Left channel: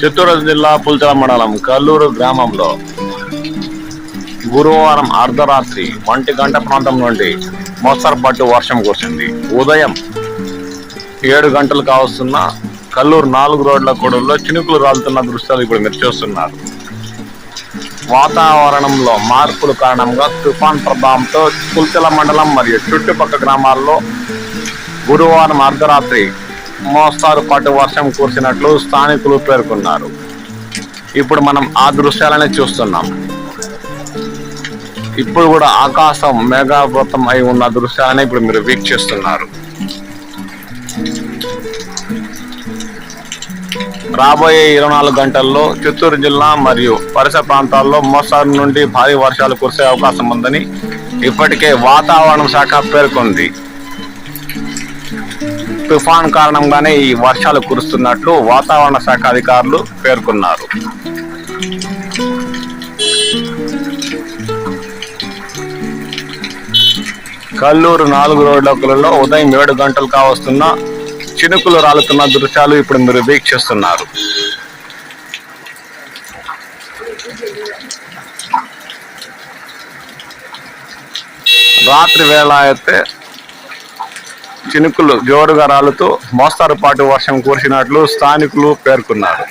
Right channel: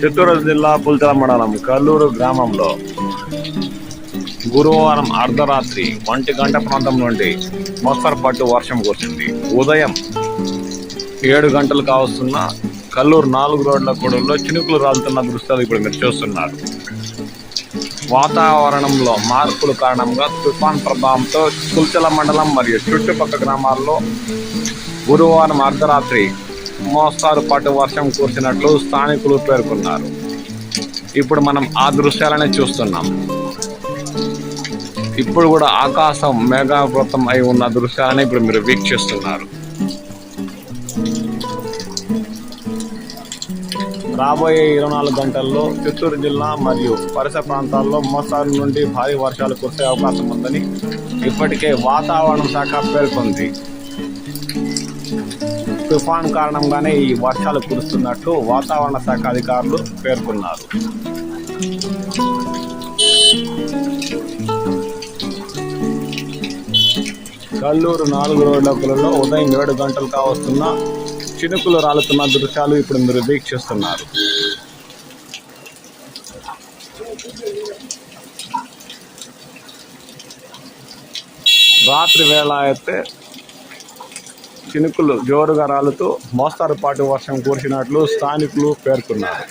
చిత్తూరు జిల్లా పుల్చల మండలం కల్లూరు గ్రామంలో గురువారం అర్ధరాత్రి 1 గంట ప్రాంతం నుండి మోస్తరుపాటు వర్షం కురిసింది. ఉదయం 7 గంటలు కావస్తున్న కల్లూరు 4 రోడ్ల కూడల్లో చినుకులు రాలుతున్న దృశ్యాలు ఇప్పుడు మీరు చూస్తున్నారు. వాతావరణంలో మార్పుల కారణంగా తుఫాన్ ప్రభావంతో పుల్చల మండలం మరియు చుట్టుపక్కల గ్రామాల్లో గురువారం అర్ధరాత్రి మోస్తారుపాటు వర్షం కురిసినట్లు స్థానికులు పేర్కొన్నారు. ఇప్పుడు మనం ఆ దృశ్యాలనే చూస్తున్నాం. ఇప్పుడు కూడా ఆకాశం మేఘావృతం అయి ఉన్న దృశ్యాన్ని ఇప్పుడు మీరు వీక్షిస్తున్నారు. రాబోయే 24 గంటల్లో చిత్తూరు జిల్లా మరియు పరిసర ప్రాంతాల్లో మోస్తరు నుండి భారీ వర్షాలు కురిసే అవకాశం ఉందని ఇప్పటికే వాతావరణ శాఖ పేర్కొంది. తుఫాన్ కారణంగానే ఈ వర్షాలు కురుస్తున్నట్లు వాతావరణ శాఖ అధికారులు పేర్కొన్నారు. కల్లూరు 4 రోడ్లలో ఉదయం 7 గంటలు కావస్తున్న చినుకులు రాలుతున్న దృశ్యాలు ఇప్పుడు మీరు వీక్షిస్తున్నారు. రాత్రి వేళ అయితే చినుకులు జోరుగా రాలుతూ మోస్తరుపాటు వర్షం కురిసినట్లు స్థానికులు పేర్కొన్నారు.